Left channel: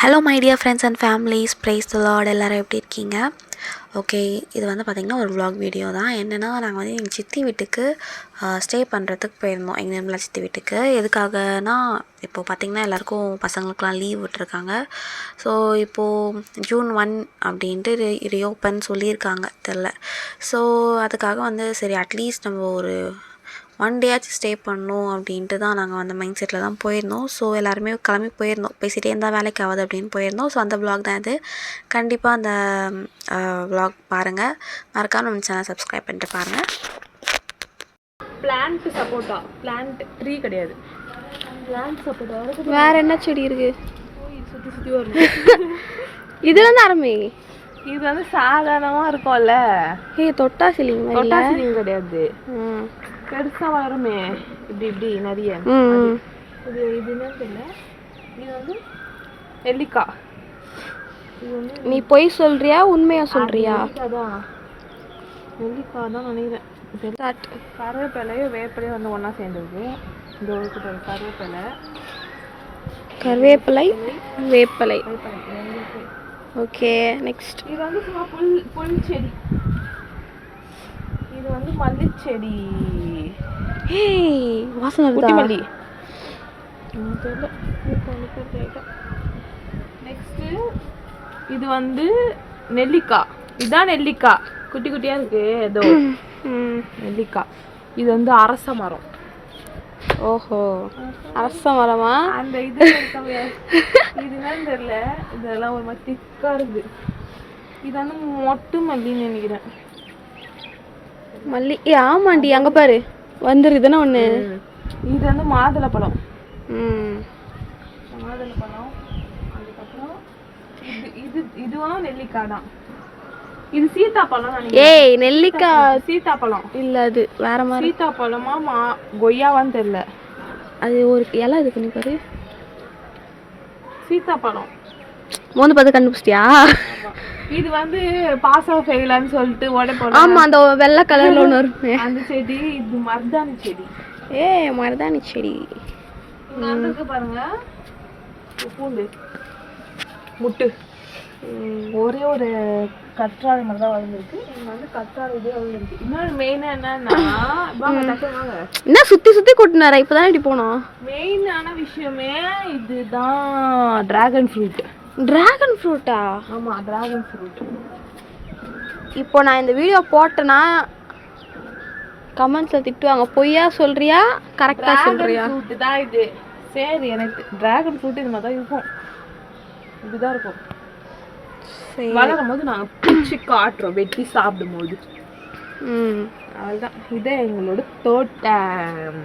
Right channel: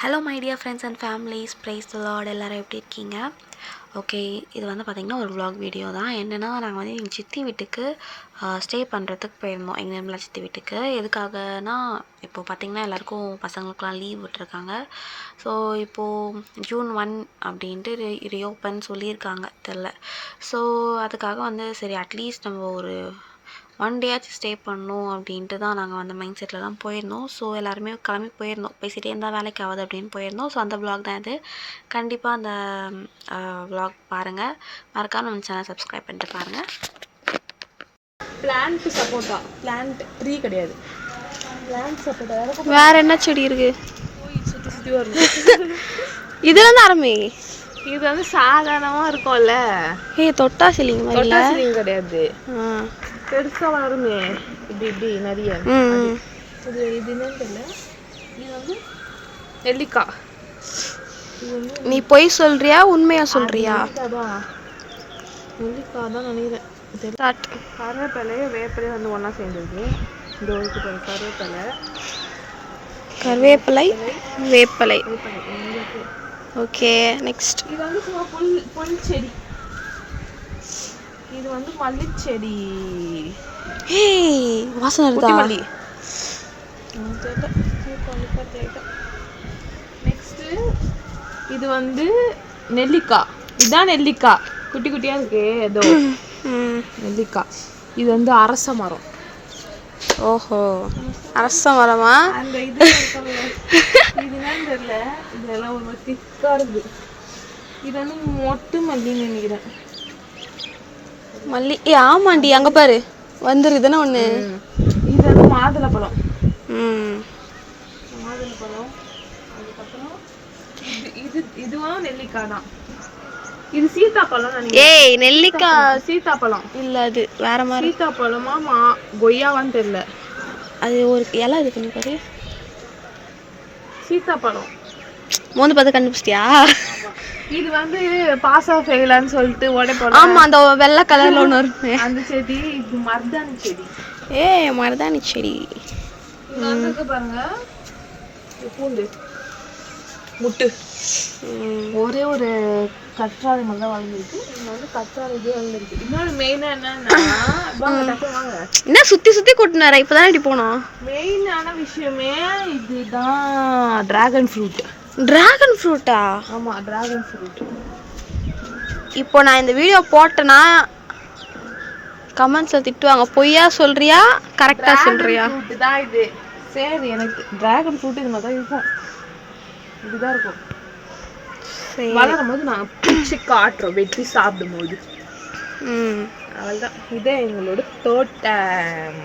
Hello my dear friends and families, praise the lord. எல்லோரும் எப்படி இருக்கீங்க? ஓகே, இது வந்து பார்த்திங்கன்னா ஒரு vlog வீடியோ தான். என்னென்னா, நாங்கள் வந்து எங்கள் சித்தி வீட்டுக்கு ஸ்டே பண்ணுறதுக்கு போயிருந்தோம். எங்கள் நிர்மலா சித்தி வீட்டுக்கு. எதுக்காகனா, இப்போது பார்த்திங்கன்னா எல்லாேருக்கும் பசங்களுக்கெலாம் லீவ் விட்டுருக்காங்க. ஸோ இப்போது June 1 அப்படின்ட்டு ரீஓப்பன் சொல்லியிருக்காங்க, தெரில. ஸோ அதுக்காக வந்து சரி அட்லீஸ்ட் நம்ம ஒரு 1 டேயாச்சும் ஸ்டே பண்ணணும் அப்படின்ட்டு தான் நாங்கள் அந்த மைண்ட் செட்டில் தான் போயிருந்தோம். ஸோ எல்லாருமே கிளம்பி போயிருந்தோம். பேசிகிட்டே இருந்தால் வேலைக்கு ஆகாது அப்படின்னு போயிருந்தோம். ஸோ அந்த vlog தான் இது. கண்டிப்பாக அந்த vlog பாருங்கள். மறக்காம நம்ம சேனல் சப்ஸ்கிரைப் பண்ணிட்டு பாருங்கள். பிளான்ட் சப்போட்டா, பிளான்ட் ட்ரீ கிடையாது, பிளான்ட் சப்போட்டா. வேற என்ன செடி இருக்கு? சுற்றி சுற்றி வரும். இதுல இருந்து ஆரம்பி. இது வந்து சாதாரணமாக இருக்கும்ல. தொட்டா சிலிங் மாதிரி இல்லை, கிடையாது. பெருசாக வளருமே இப்படி இப்படி நிறைய. இது இதுன்னு தெரியல. இது வந்து நெல்லிக்காய். இது வந்து நீ பொய் சொல்றியா உண்மையா சொல்றியா? அதான் நெல்லிக்காய் தான் நினைக்கிறேன். கருவேப்பிலை வேப்பிலை வந்து ஒன்றா சேர்ந்துருக்கு. இந்த ஒருக்கு போய் கருவேப்பிலை வேப்பிலை. Okay, next. இது வந்து சும்மா புல் செடி. இது வந்து மல்லிச்செடி. வாசனை வருதா? மல்லி. நெக்ஸ்ட் இது வந்து நெல்லிக்காய். இதுதான் நெல்லிக்காய், குட்டி குட்டியா இருக்கு. ஏதோ நெல்லிக்காய். இது வந்து அரச மரம். ஓஹோ, அரச மரமா? அந்த இது இதுதான் தெரியல. இதெல்லாம் ஒரு மாதிரி திக்கா இருக்கு. இது வந்து மொட்டு மல்லின்னு நினைக்கிறேன். மல்லி. ஆமாண்டி, அங்கே பாரு வந்துருதுன்னா ஒன்று. இது வந்து மாதுளப்பழம். மாதுளப்பழம். அதுக்கப்புறம் இதுவும் நெல்லிக்காய் தான். இது சீத்தாப்பழம் நினைக்கிறேன். நெல்லிக்காய் சீத்தாப்பழம் இல்லை, அது வேற மாதிரி. சீத்தாப்பழமா கொய்யாவான்னு தெரியல. அது ஒரு இலை இது பண்ணி பாரு. சீத்தாப்பழம் மோந்து பார்த்து கண்டுபிடிச்சிட்டியா? இது வந்து பாசா ஃபெயிலான்னு சொல்லிட்டு உடைப்போம். ஆமா, அந்த வெள்ளை கலர்ல ஒன்று வருமே அந்த செடி. இது மருதாணி செடி. மருதாணி செடி. பாருங்க, பூண்டு முட்டு ஒரே ஒரு கற்றாழை மாதிரி தான் வளர்ந்துருக்கு. இங்க வந்து கற்றாழை இது வளர்ந்துருக்கு. இன்னொரு மெயினா என்னன்னா, என்ன சுத்தி சுத்தி கூட்டினாரா? இப்பதான் இப்படி போனோம். மெயினான விஷயமே இதுதான், டிராகன் ஃப்ரூட். டிராகன் ஃப்ரூட்டா? ஆமா, டிராகன் ஃப்ரூட். இப்போ நான் இந்த வீடியோ போட்டேன்னா கமெண்ட்ஸ்ல திட்டுவாங்க. பொய்யா சொல்றியா கரெக்டா சொல்றியா? ஃப்ரூட் தான் இது. சரி, எனக்கு டிராகன் ஃப்ரூட் இது மாதிரி தான் இருக்கும். இதுதான் இருக்கும். வளரும் போது நான் பிச்சு காட்டுறோம், வெட்டி சாப்பிடும் போது. அவ்வளோதான். இதே எங்களோட தோட்டம்.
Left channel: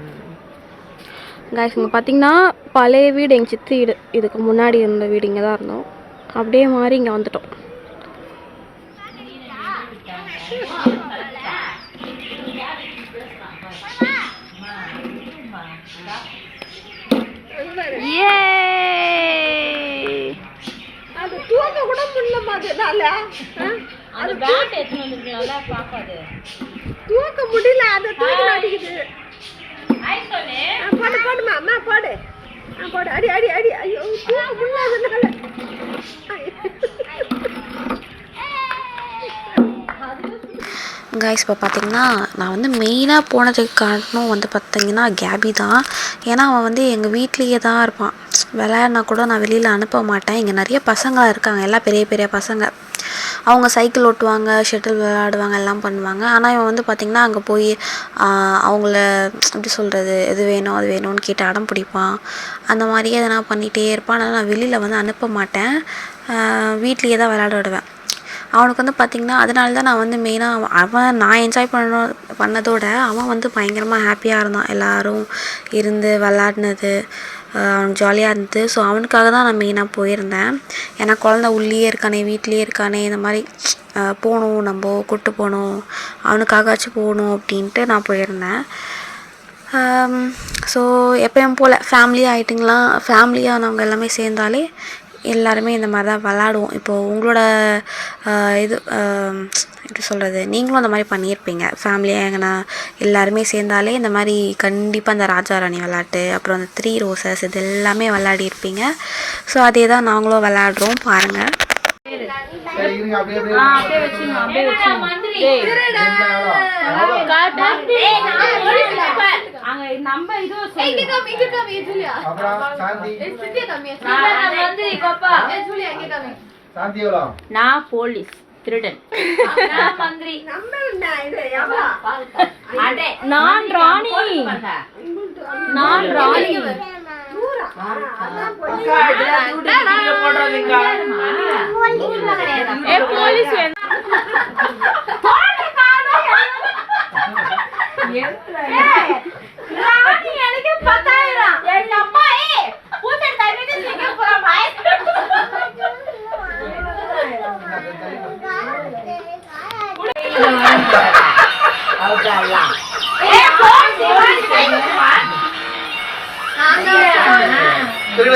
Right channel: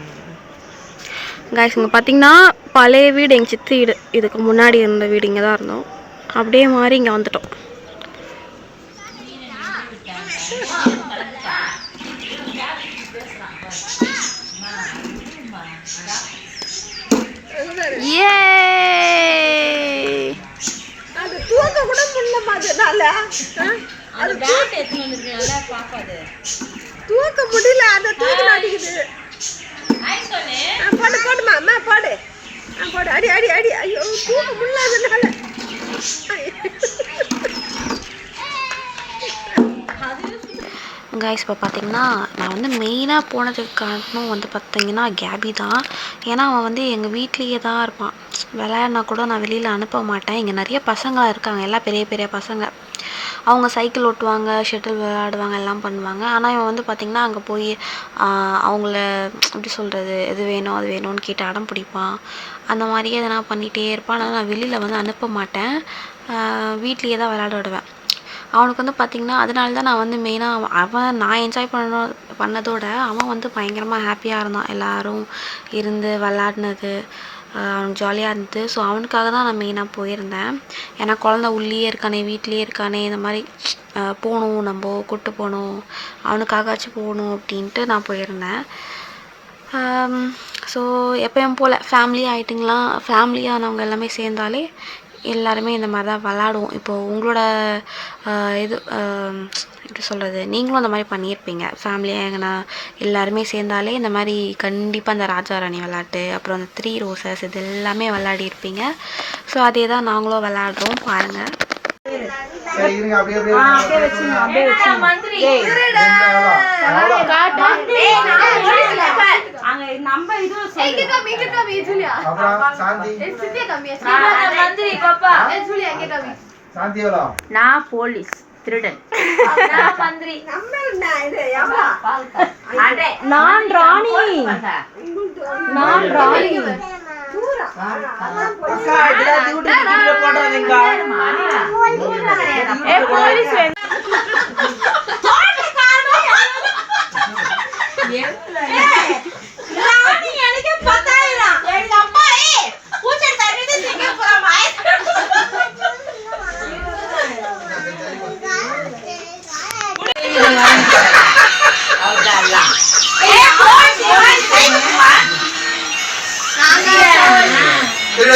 கைஸ், இங்கே பார்த்தீங்கன்னா பழைய வீடு எங்கள் சித்தி வீடு. இதுக்கு முன்னாடி இருந்த வீடு இங்கே தான் இருந்தோம். அப்படியே மாறி இங்கே வந்துட்டோம். தூக்க முடியல, அதை தூக்க மாட்டேங்குது. போடு போடுமா அம்மா, போடு போடு. அடி அடி அடி. ஐயோ, தூக்க முடியல. கைஸ், இப்போ பார்த்தீங்கன்னா நான் வந்து மெயினாக போனதுக்கு காரணம் வந்து பார்த்தீங்கன்னா கேபி தான். ஏன்னா அவன் வந்து எங்கள் வீட்லேயே தான் இருப்பான். விளையாடினா கூட நான் வெளியில் அனுப்ப மாட்டேன். இங்கே நிறைய பசங்களாக இருக்காங்க, எல்லாம் பெரிய பெரிய பசங்க. அவங்க சைக்கிள் ஓட்டுவாங்க, ஷட்டில் விளையாடுவாங்க, எல்லாம் பண்ணுவாங்க. ஆனால் இவன் வந்து பார்த்திங்கன்னா அங்கே போய் அவங்கள எப்படி சொல்கிறது, எது வேணும் அது வேணும்னு கேட்டு அடம் பிடிப்பான். அந்த மாதிரியே எதனா பண்ணிகிட்டே இருப்பான். அதனால் நான் வெளியில் வந்து அனுப்ப மாட்டேன், வீட்லேயே தான் விளையாட விடுவேன். அவனுக்கு வந்து பார்த்திங்கன்னா அதனால தான் நான் வந்து மெயினாக நான் என்ஜாய் பண்ணதோட அவன் வந்து பயங்கரமாக ஹாப்பியாக இருந்தான். எல்லோரும் இருந்து விளாட்னது அவனுக்கு ஜாலியாக இருந்தது. ஸோ அவனுக்காக தான் நான் மெயினாக போயிருந்தேன். ஏன்னா குழந்த உள்ளேயே இருக்கானே, வீட்லேயே இருக்கானே, இந்த மாதிரி போகணும், நம்ம கூப்பிட்டு போகணும், அவனுக்காகச்சும் போகணும் அப்படின்ட்டு நான் போயிருந்தேன். ஸோ எப்பயும் போல் ஃபேமிலியாக ஆகிட்டிங்களா, ஃபேமிலியாக நாங்கள் எல்லாமே சேர்ந்தாலே எல்லாருமே இந்த மாதிரி தான் விளாடுவோம். இப்போது உங்களோட இது எப்படி சொல்கிறது, நீங்களும் அந்த மாதிரி பண்ணியிருப்பீங்க ஃபேமிலியாக எங்கன்னா எல்லாருமே சேர்ந்தாலே இந்த மாதிரி கண்டிப்பாக அந்த ராஜா ராணி விளாட்டு, அப்புறம் அந்த 3 ரோசஸ் இது எல்லாமே விளாடிருப்பீங்க. ஸோ அதே தான் நாங்களும் விளாடுறோம் பாருங்கள். நான் போலீஸ் திருடன், நான் ராணி, நான் ராணி.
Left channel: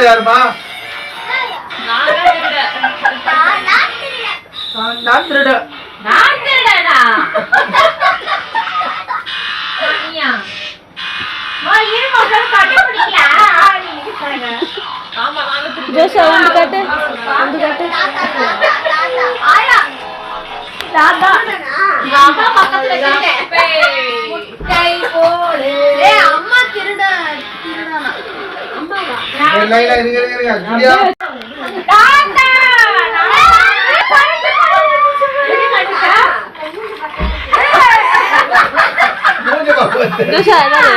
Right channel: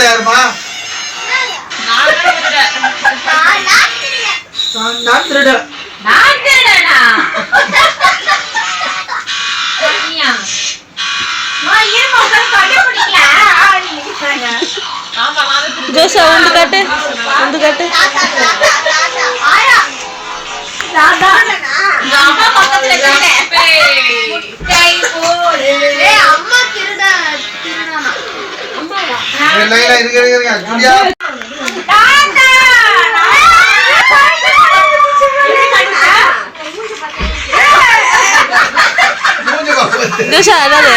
யாருமா ஜோஷா வந்து காட்டு, வந்து காட்டு. ஜோஷா அதாவது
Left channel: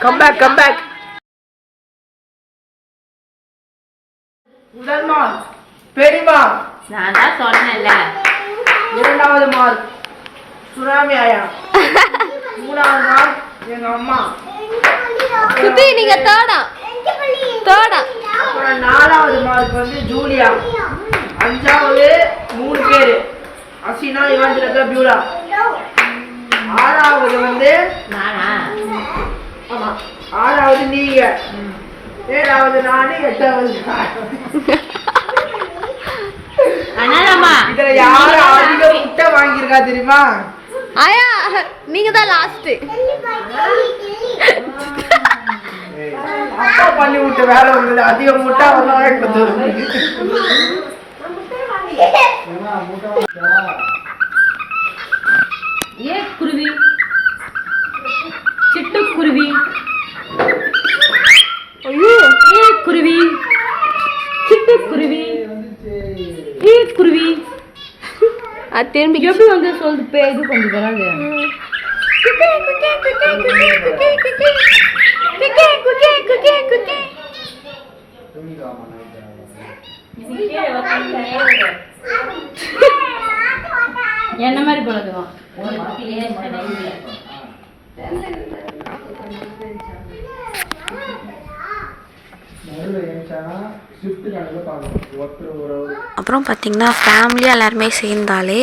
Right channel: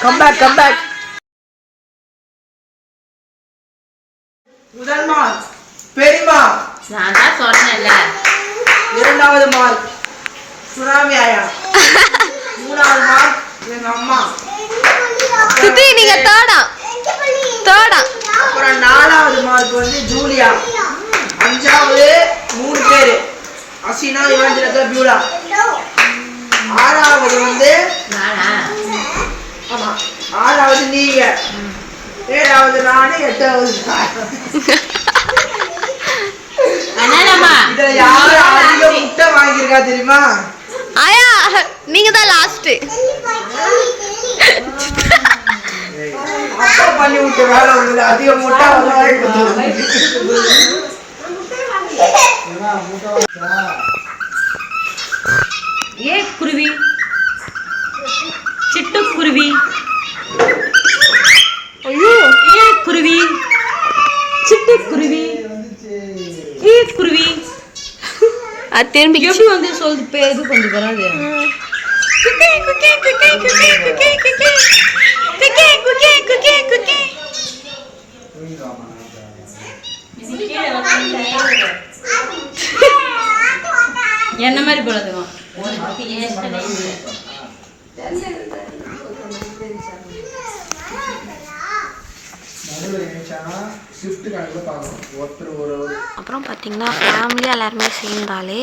come back. முதல் மார்க் பெரியமா, நான் தான் சொன்னேன்ல. இரண்டாவது மார்க் சுனாமி ஆயா, மூணாவது மார்க் எங்க அம்மா, நீங்க தேர்டா. அப்புறம் நாலாவது மார்க் வந்து ஜூலியா, அஞ்சாவது 3 பேரு அசினா, இவாஞ்சலிகா, பியூலா, ஆறாவது வந்து ஆமா ஆறாவது நீங்க, ஏழாவது நானு, எட்டாவது இதுல யாரு அதிக முட்டை வாங்கியிருக்கா தெரியுமா? ஆயா நீங்க தான் லாஸ்ட். அப்பா பண்ணி விட்ட வேலை உங்களுக்கு அதிக முட்டை வாங்கி. ஏ குருவி, சிட்டுக்குருவி, ஐயோ ஏ குருவி, சிட்டுக்குருவி, ஏ குருவி. அது திரும்பி எப்படி வந்து சொல்லுது பேரு கொஞ்சம் வராது. என்ன மாதிரி போறதுவா அப்புறம் பார்த்திங்கன்னா ஃபேமிலியாக எல்லாருமே சேர்ந்தாலே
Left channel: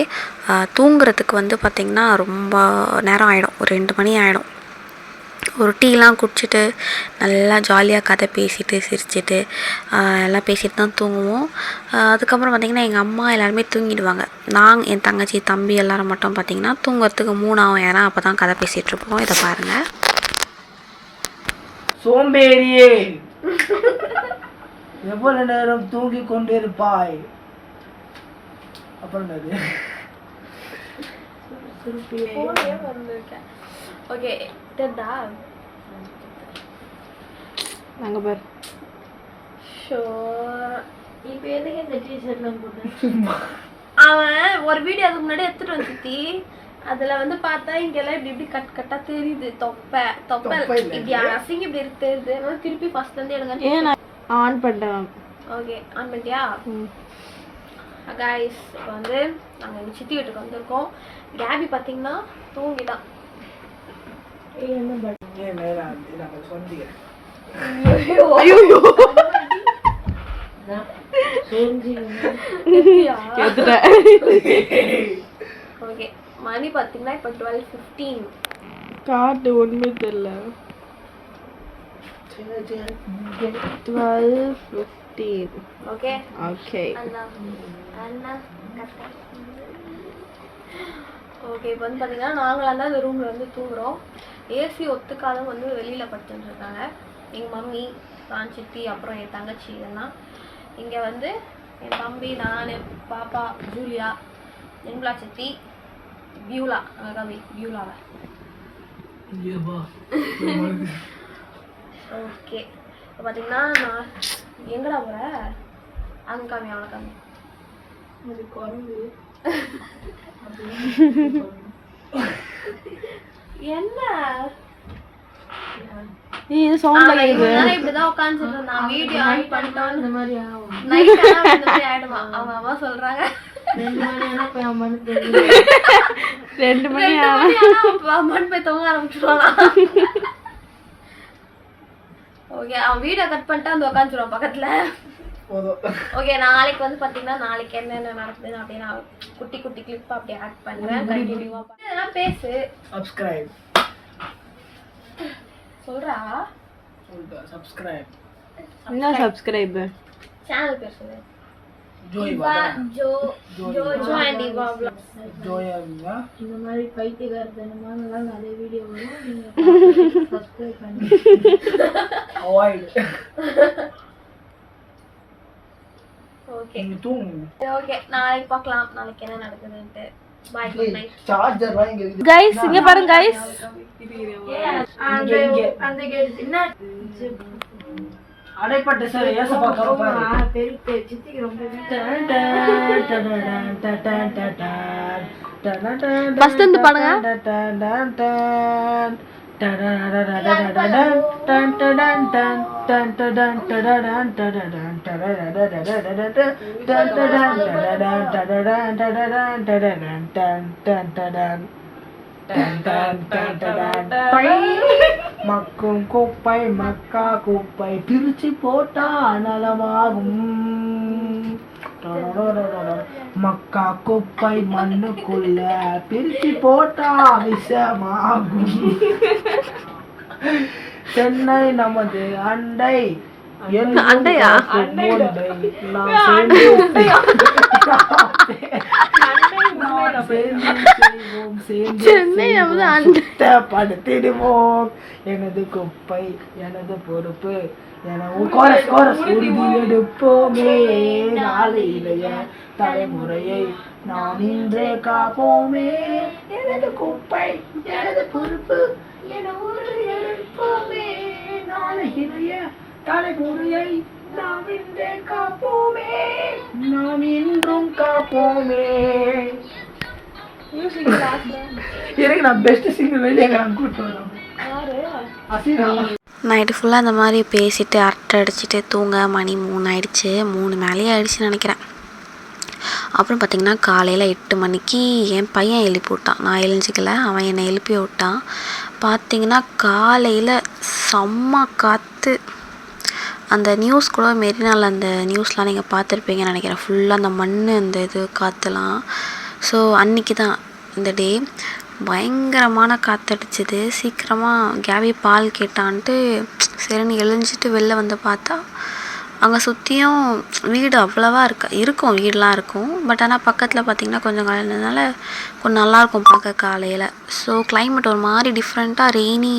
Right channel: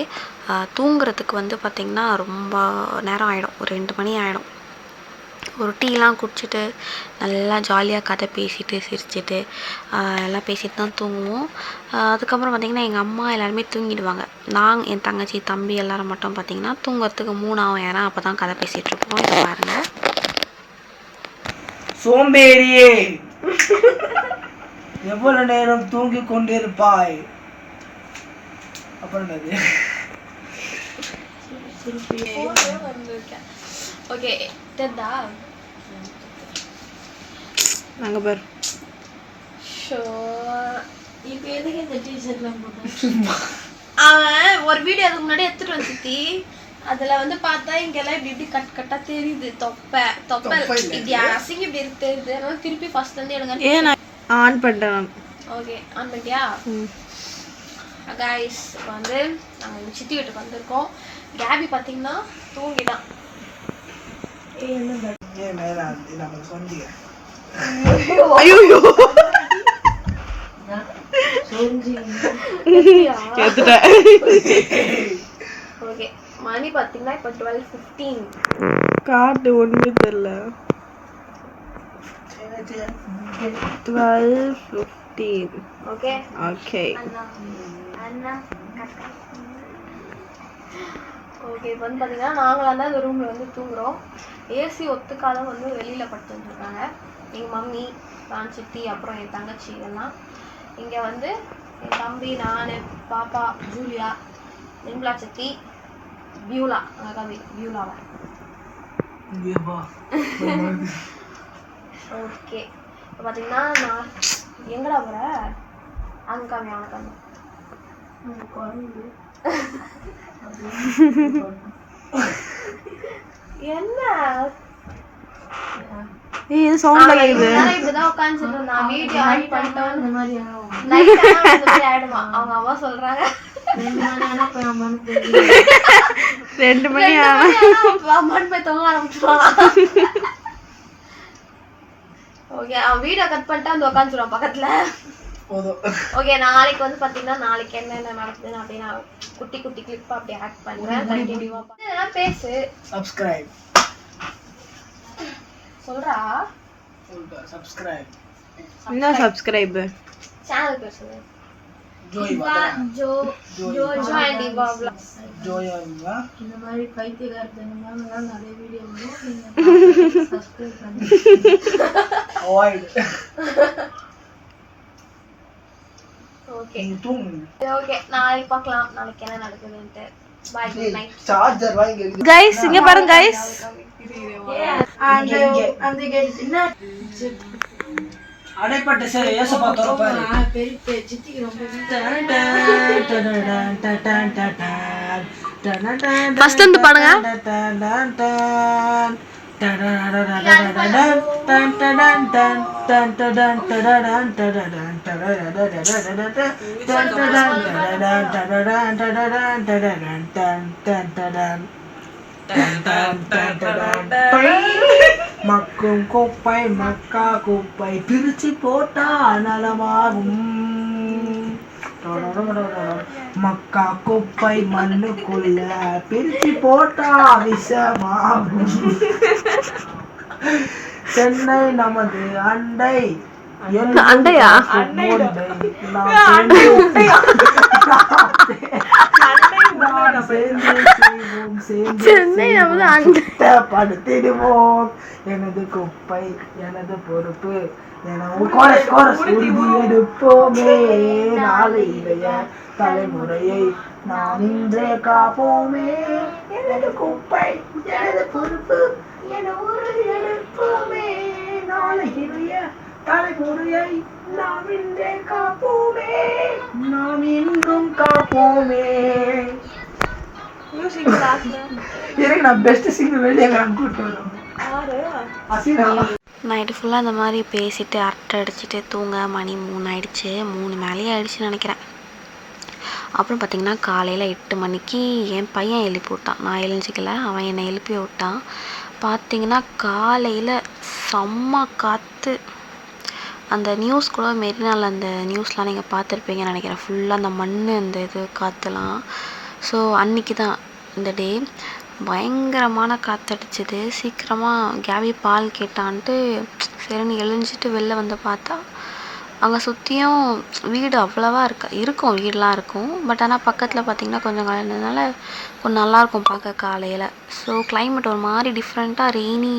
தூங்குறதுக்கு வந்து பார்த்திங்கன்னா ரொம்ப நேரம் ஆகிடும். ஒரு 2 மணி ஆகிடும். ஒரு டீலாம் குடிச்சிட்டு நல்லா ஜாலியாக கதை பேசிட்டு சிரிச்சிட்டு எல்லாம் பேசிட்டு தான் தூங்குவோம். அதுக்கப்புறம் பார்த்திங்கன்னா எங்கள் அம்மா எல்லாருமே தூங்கிடுவாங்க. என் தங்கச்சி தம்பி எல்லோரும் மட்டும் பார்த்திங்கன்னா தூங்குறதுக்கு 3 ஆகும். ஏன்னா அப்போ தான் கதை பேசிகிட்ருப்போம். இதை பாருங்கள். சோம்பேறியே, எவ்வளவு நேரம் தூங்கி கொண்டிருப்பாய்? அப்புறம் ஓகே டெட்டா நாங்க பாரு. ஷோ இப்போ எதுக்கு இந்த டீஷர்ட்லாம் போட்டேன்? அவன் ஒரு வீடியோ அதுக்கு முன்னாடி எடுத்துட்டு வந்துத்தி. அதுல வந்து பார்த்தா இங்கெல்லாம் இப்படி கட் கட்டா தெரியுது. தொப்பை இப்படி அசிங்க இப்படி இருக்கு தெரியுது. அதனால திருப்பி ஃபர்ஸ்ட் வந்து எடுங்க. ஏன் நான் ஆன் பண்ணுறேன். ஓகே ஆன் பண்ணிட்டியா? கைஸ் இப்போ வந்து நாங்கள் எங்கள் சித்தி வீட்டுக்கு வந்திருக்கோம். கேபி பார்த்தீங்கன்னா தூங்கிட்டான். ஓகே மணி பார்த்தீங்கன்னா இப்போ 12:15. காட்டு ஒண்ணுமே தெரியல. 12:15. Okay okay okay. இப்போ வந்து பார்த்தீங்கன்னா நாங்களாம் தான் இந்த ரூமில் வந்து தூங்குறோம். ஏசி ஒத்துக்காத வந்து வெளியில் படுத்துட்டுருக்காங்க. எங்கள் மம்மி, நான், சித்தி, அப்புறம் என் தங்கச்சி எல்லாம். இங்கே வந்து என் தம்பி, நான், பாப்பா, ஜூலியா, நிர்மலா சித்தி, பியூலா, கவி பியூலாவை. ஓகே. இப்போ பார்த்தீங்கன்னா நான் எங்கடா போகிற அங்கே காமி அவனை காமி என்ன இது சவுண்ட் கேக்குது. இப்படிதான் உட்காந்துட்டு இருந்தான். வீடியோ ஆன் பண்ணிட்டோம். இந்த மாதிரி நைட் இந்த மாதிரி ஆயிடுமா அவங்க அம்மா சொல்றாங்க. 2 மணி அம்மான்னு போய் தூங்க ஆரம்பிச்சுருவானா. ஓகே அவன் வீடியோ கட் பண்ணிட்டு வந்து உட்காந்துருவான் பக்கத்துல. ஓகே நாளைக்கு வந்து பாத்தீங்கன்னா நாளைக்கு என்னென்ன நடக்குதுன்னு அப்படியே நான் குட்டி குட்டி கிளிப் அப்படியே ஆட் பண்றேன். கண்டினியூவா இதெல்லாம் பேசு. சப்ஸ்கிரைப் சொல்றா. சப்ஸ்கிரைப் என்ன சப்ஸ்கிரைப்? சேனல் பேர் சொல்லு. ஜோய்வா ஜோ அண்ட் இவா vlogs. ஜோய்வா இந்த மாதிரி பைத்தியக்காரத்தனமா நிறைய வீடியோ வரும். நீங்க சப்ஸ்கிரைப் பண்ணி அவாய்ட். ஓகே தூங்கு. ஓகே நாளைக்கு பார்க்கலாம் நாளைக்கு என்ன நடக்குதுன்ட்டு. Bye good night. சார்ஜர் வாங்கி கைஸ் இங்க பாருங்க கைஸ். அந்த கேட் என்ன அடைப்பட்ட சேர ஏசப்பா தரப்பாரு. பெரிய சித்திக்கு ரொம்ப ஃபர்ஸ்ட் வந்து பாடுங்க. மக்கும் குப்பை மக்கா குப்பை பிரிச்சு போட்டா நலமாகும். மக்கா குப்பை மண்ணுக்குள்ள பிரிச்சு போட்டா விஷமாகும். சென்னை நமது அண்டை. அண்டையா? படுத்திடுவோம். எனது குப்பை எனது பொறுப்பு எடுப்போமே. நாளைய தலைமுறையை நாம் இன்றே காப்போமே. எனது குப்பை எனது பொறுப்பு எடுப்போமே. நாளைய தலைமுறையை நாம் இன்றே காப்போமே. நாம் இன்றும் காப்போமே. எனக்கு நான் பெஸ்ட் சிங்கர் வெளியே கூட்டு வரோம். நைட்டு ஃபுல்லாக இந்த மாதிரி பேசிட்டு அரட்டை அடிச்சுட்டு தூங்க மணி 3 ஆயிடுச்சு. 3 மேலேயே ஆயிடுச்சுன்னு நினைக்கிறேன். அப்புறம் பார்த்திங்கன்னா காலையில் 8 மணிக்கு என் பையன் எழுப்பி விட்டான். நான் எழுஞ்சிக்கல, அவன் என்னை எழுப்பி விட்டான். பார்த்திங்கன்னா காலையில் செம்ம காற்று. அந்த நியூஸ் கூட மெரினாவில் அந்த நியூஸ்லாம் நீங்கள் பார்த்துருப்பீங்கன்னு நினைக்கிறேன். ஃபுல்லாக அந்த மண் அந்த இது காற்றுலாம். ஸோ அன்றைக்கி தான் இந்த டே பயங்கரமான காற்றடிச்சிது. சீக்கிரமாக கேபி பால் கேட்டான்ட்டு சரின்னு எழுஞ்சிட்டு வெளில வந்து பார்த்தா அங்கே சுற்றியும் வீடு அவ்வளவா இருக்கும் வீடெலாம் இருக்கும். பட் ஆனால் பக்கத்தில் பார்த்திங்கன்னா கொஞ்சம் கலந்ததுனால கொஞ்சம் நல்லாயிருக்கும் பார்க்க காலையில். ஸோ கிளைமேட் ஒரு மாதிரி டிஃப்ரெண்ட்டாக ரெய்னி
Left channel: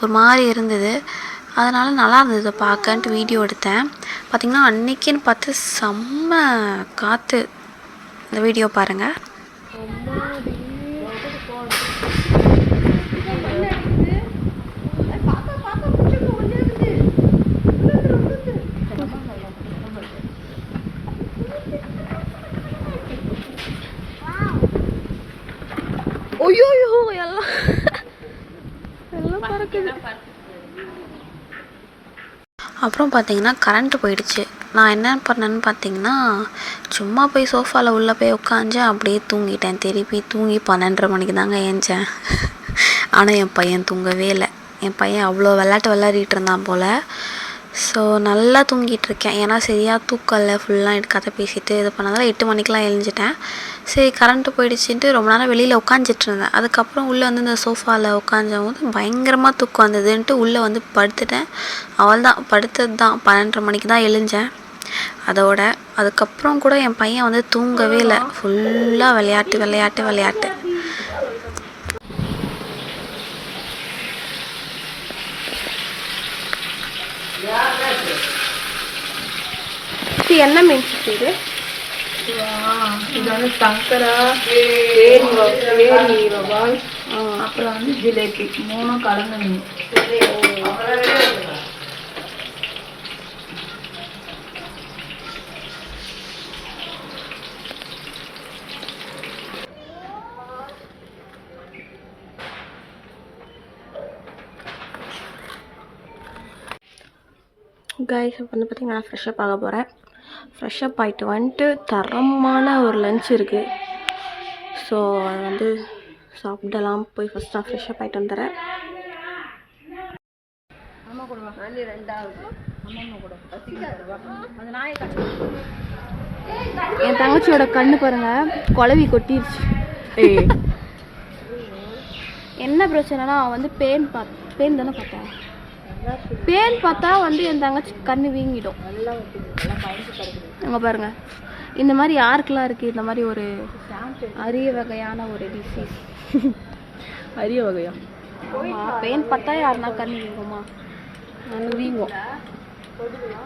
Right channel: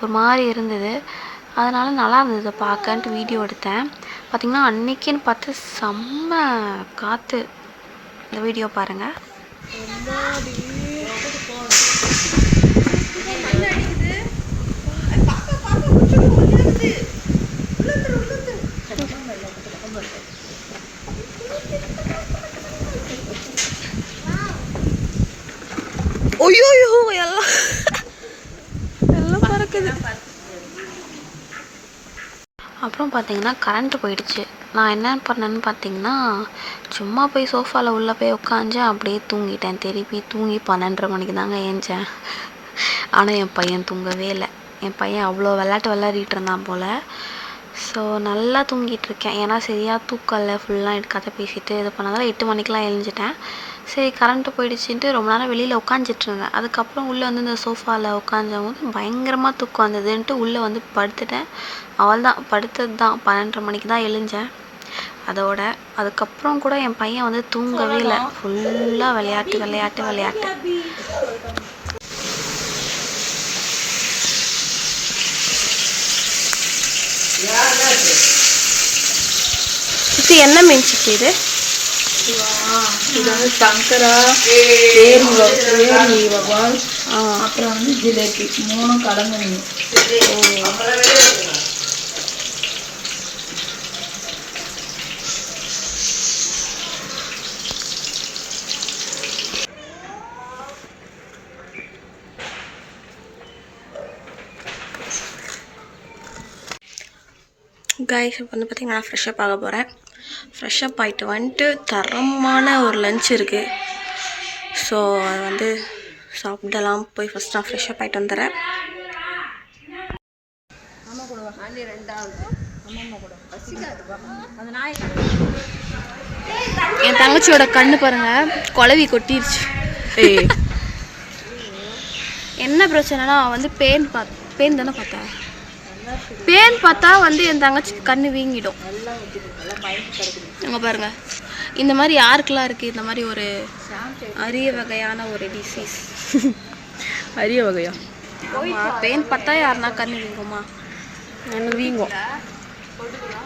ஒரு மாதிரி இருந்தது. அதனால் நல்லா இருந்தது பார்க்கன்ட்டு வீடியோ எடுத்தேன். பார்த்திங்கன்னா அன்றைக்கின்னு பார்த்து செம்ம காற்று. இந்த வீடியோ பாருங்கள். ஐயோ எல்லாம் பறக்குது. அப்புறம் பார்த்திங்கன்னா கரண்ட்டு போயிடுச்சு. நான் என்ன பண்ணேன்னு பார்த்திங்கன்னா சும்மா போய் சோஃபாவில் உள்ளே போய் உட்காந்தேன். அப்படியே தூங்கிட்டேன். திருப்பி தூங்கி 12:30 மணிக்கு தாங்க ஏஞ்சேன். ஆனால் என் பையன் தூங்கவே இல்லை. என் பையன் அவ்வளோ விளையாடிட்டு இருந்தான் போல். ஸோ நல்லா தூங்கிட்டு இருக்கேன். ஏன்னா சரியாக தூக்கல ஃபுல்லாக கதை பேசிட்டு இது பண்ணதால் 8 மணிக்கெலாம் எழுஞ்சிட்டேன். சரி கரண்ட்டு போயிடுச்சுன்ட்டு ரொம்ப நேரம் வெளியில் உட்காந்துட்டு இருந்தேன். அதுக்கப்புறம் உள்ளே வந்து இந்த சோஃபாவில் உட்காந்தும் போது பயங்கரமாக தூக்கம் வந்ததுன்ட்டு உள்ளே வந்து படுத்துட்டேன். அவள் தான் படுத்தது தான் 12:30 மணிக்கு தான் எழுஞ்சேன். அதுக்கப்புறம் கூட என் பையன் வந்து தூங்கவே இல்லை. ஃபுல்லாக விளையாட்டு. இது என்ன மீன் சித்தி இது? இது வந்து சங்கரா, ஏரி வவால், அப்புறம் வந்து ஜிலேபி 3 கலந்த மீன். கைஸ் இப்போ வந்து பார்த்திங்கன்னா நான் ஃப்ரெஷ்ஷப் ஆக போகிறேன். ஃப்ரெஷ்ஷப் ஆகிட்டு வந்துட்டு தரமான ஒரு லஞ்ச் இருக்குது. ஸோ அது வந்து சாப்பிடலாம். போய் ஃபஸ்ட் நான் ஃப்ரெஷ்ஷப் ஆகிட்டு வந்துடுறேன். என் தங்கச்சியோட கண்ணு பாருங்க, குழவி கொட்டிருச்சு. என்ன பிரச்சனைனா வந்து பேன் தானே பார்த்தேன். பேன் பார்த்தா வந்து என் தங்கச்சிக்கு கண்ணு வீங்கிடும். அங்கே பாருங்க, இந்த மாதிரி யாருக்கெல்லாம் இருக்குது இந்த மாதிரி ஒரு அரிய வகையான ஒரு டிசீஸ்? அரிய வகையா? ஆமாம், பேன் பார்த்தா யாருன்னா கண்ணு வீங்குமா? எனக்கு வீங்கும்.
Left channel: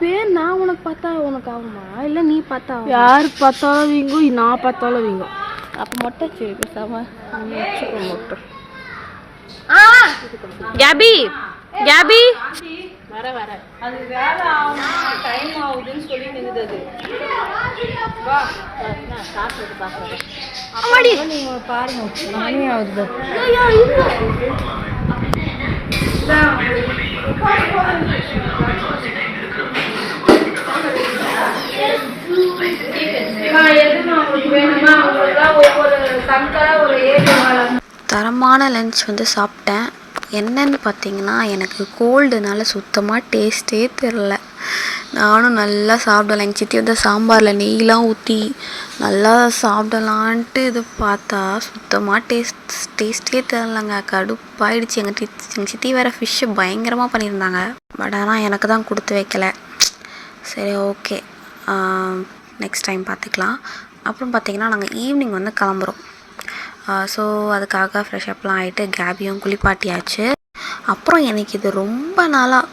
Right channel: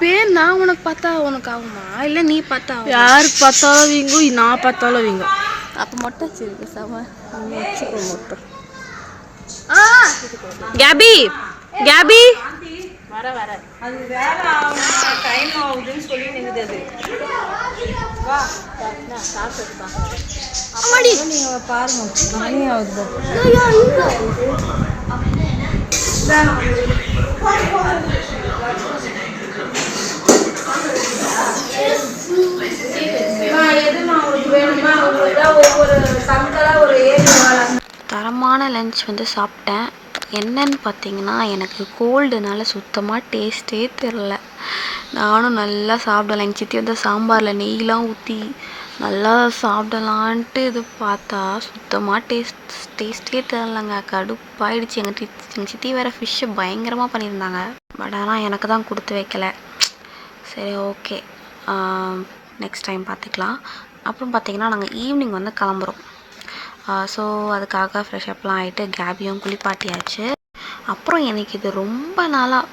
பேன் நான் உனக்கு பார்த்தா உனக்கு ஆகுமா, இல்லை நீ பார்த்தா? யார் பார்த்தாலும் வீங்கும், நான் பார்த்தாலும் வீங்கும். அப்போ மொட்டை சரி பேசாம வச்சுக்கோ மொட்டை. கேபி வர அது வேலை ஆகும், டைம் ஆகுதுன்னு சொல்லி நிற்குது. நீங்க பாருங்க, மணி ஆகுது. தரமான லஞ்ச் வந்து சாப்பிட்டேன். என்னன்னு பார்த்தீங்கன்னா, எனக்கு கோல்டுனால சுத்தமாக டேஸ்ட்டே தெரில. நானும் நல்லா சாப்பிடலாம். எங்கள் சித்தி வந்து சாம்பாரில் நெய்லாம் ஊற்றி நல்லா சாப்பிடலான்ட்டு இது பார்த்தா சுத்தமாக டேஸ்ட்டே தெரிலங்க. கடுப்பாயிடுச்சு. எங்கள் சித்தி வேறு ஃபிஷ்ஷு பயங்கரமாக பண்ணியிருந்தாங்க. பட் ஆனால் எனக்கு தான் கொடுத்து வைக்கலை. சரி ஓகே, நெக்ஸ்ட் டைம் பார்த்துக்கலாம். அப்புறம் பார்த்திங்கன்னா நாங்கள் ஈவினிங் வந்து கிளம்புறோம். ஸோ அதுக்காக ஃப்ரெஷ்அப்லாம் ஆகிட்டு கேபியும் குளிப்பாட்டியாச்சு. அப்புறம் எனக்கு இது ரொம்ப நாளாக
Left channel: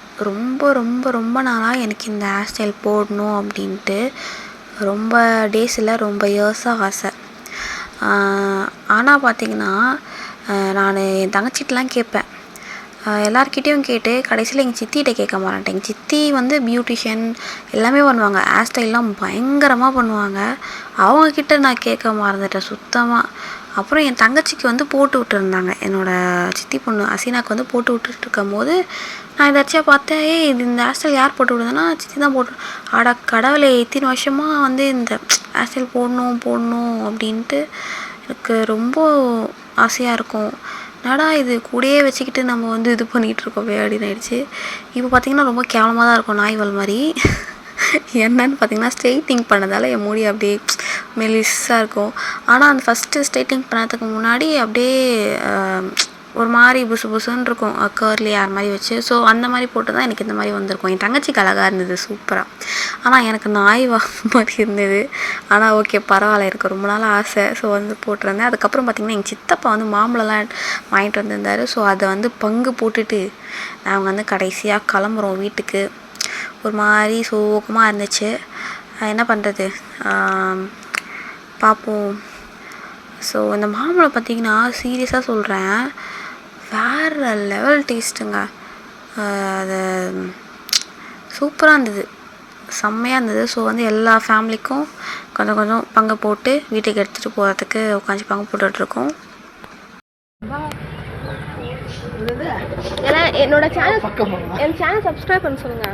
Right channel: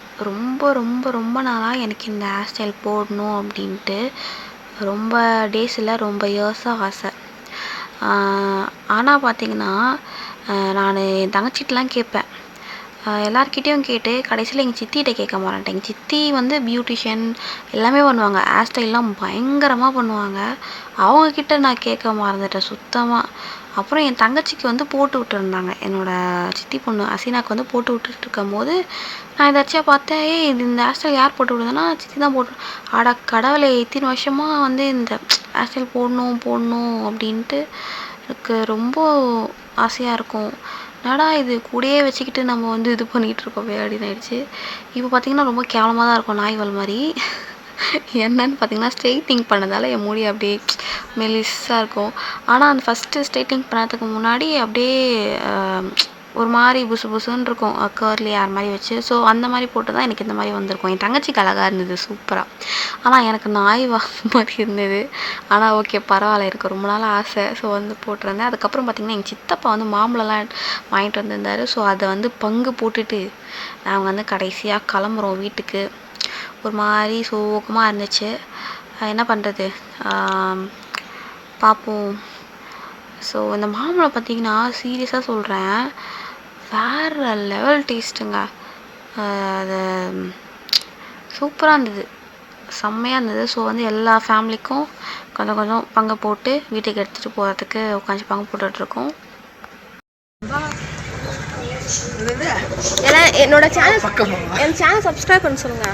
எனக்கு இந்த ஹேர் ஸ்டைல் போடணும் அப்படின்ட்டு ரொம்ப டேஸ் இல்லை, ரொம்ப இயர்ஸாக ஆசை. ஆனால் பார்த்திங்கன்னா நான் என் தங்கச்சிட்டலாம் கேட்பேன். எல்லார்கிட்டேயும் கேட்டு கடைசியில் எங்கள் சித்திகிட்ட கேட்க மாட்டேன். எங்கள் சித்தி வந்து பியூட்டிஷியன் எல்லாமே பண்ணுவாங்க, ஹேர் ஸ்டைல்லாம் பயங்கரமாக பண்ணுவாங்க. அவங்கக்கிட்ட நான் கேட்க மறந்துட்டேன் சுத்தமாக. அப்புறம் என் தங்கச்சிக்கு வந்து போட்டு விட்டுருந்தாங்க. என்னோடய சித்தி பொண்ணு அசீனாக்கு வந்து போட்டு விட்டுட்டு இருக்கும் போது நான் எதாச்சியாக பார்த்தேன். இது இந்த ஹேர் ஸ்டைல் யார் போட்டு விடுதுன்னா சித்தி தான் போட்டு. ஆடா கடவுளை, இத்தனை வருஷமாக வந்து இந்த ஹேர் ஸ்டைல் போடணும் அப்படின்ட்டு எனக்கு ரொம்ப ஆசையாக இருக்கும். என்னடா இது கூடயே வச்சுக்கிட்டு நம்ம வந்து இது பண்ணிகிட்ருக்கோமே அப்படின்னு ஆயிடுச்சு. இப்போ பார்த்திங்கன்னா ரொம்ப கேவலமாக தான் இருக்கும், நாய்வல் மாதிரி. என்னன்னு பார்த்திங்கன்னா ஸ்ட்ரெயிட்டிங் பண்ணதால் என் முடி அப்படியே மெலிஸாக இருக்கும். ஆனால் அந்த ஃபஸ்ட்டு ஸ்ட்ரெயிட்டிங் பண்ணதுக்கு முன்னாடி அப்படியே ஒரு மாதிரி புசுன்னு இருக்கும், கர்லி ஹேர் மாதிரி வச்சு. ஸோ அந்த மாதிரி போட்டு தான் எனக்கு இந்த மாதிரி வந்திருக்கும். என் தங்கச்சிக்கு அழகாக இருந்தது, சூப்பராக. ஆனால் எனக்கு நாய் மாதிரி இருந்தது. ஆனால் ஓகே பரவாயில்ல, எனக்கு ரொம்ப நாள் ஆசை. ஸோ வந்து போட்டிருந்தேன். அதுக்கப்புறம் பார்த்திங்கன்னா எங்கள் சித்தப்பா வந்து மாம்பழம்லாம் வாங்கிட்டு வந்திருந்தார். ஸோ அதை வந்து பங்கு போட்டுட்டு நாங்கள் வந்து கடைசியாக கிளம்புறோம் வீட்டுக்கு. ஒரு மாதிரி சோகமாக இருந்துச்சு. என்ன பண்ணுறது, பார்ப்போம். ஸோ இந்த மாம்பழம் பார்த்திங்கன்னா சீரியஸாக சொல்கிறேன், வேறு லெவல் டேஸ்ட்டுங்க. அது சூப்பராக இருந்தது, செம்மையாக இருந்தது. ஸோ வந்து எல்லா ஃபேமிலிக்கும் கொஞ்சம் பங்கு போட்டு வீட்டுக்கு எடுத்துகிட்டு போகிறதுக்கு உட்காந்து பங்கு போட்டுட்ருக்கோம். என்னோட சேனல் சப்ஸ்கிரைப் பண்ண சொல்லுங்க.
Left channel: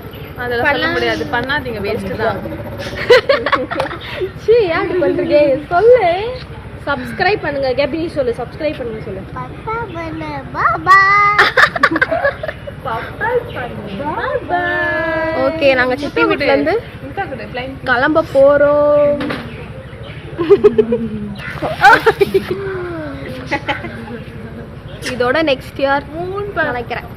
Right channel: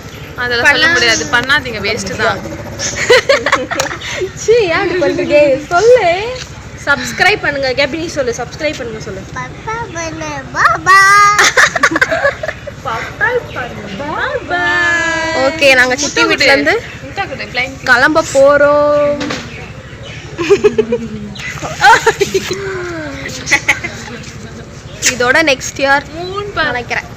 அதெல்லாம் சொல்ல முடியாது, பண்ணாதீங்க, வேஸ்ட்டு தான். சொல்லு, சப்ஸ்கிரைப் பண்ணுங்க. கேபி சொல்லு, சப்ஸ்கிரைப் பண்ணுங்க சொல்லு. ஓகே, நாங்க சித்தி வீட்ல இருந்து கிளம்ப போறோம். இதோட நெக்ஸ்ட் இயர் நினைக்கிறேன்.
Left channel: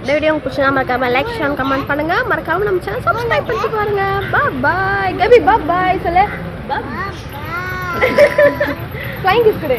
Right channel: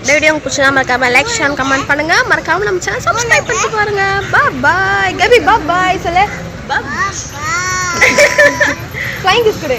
இந்த வீடியோ உங்களுக்கு பிடிச்சா மறக்காம லைக் ஷேர் கமெண்ட் பண்ணுங்க. மறக்காம நம்ம சேனல் சப்ஸ்கிரைப் பண்ணிட்டு பாருங்க. பாய் கபி பாய் சொல்லு. பாய் ஃப்ளைங் கிஸ் கொடு.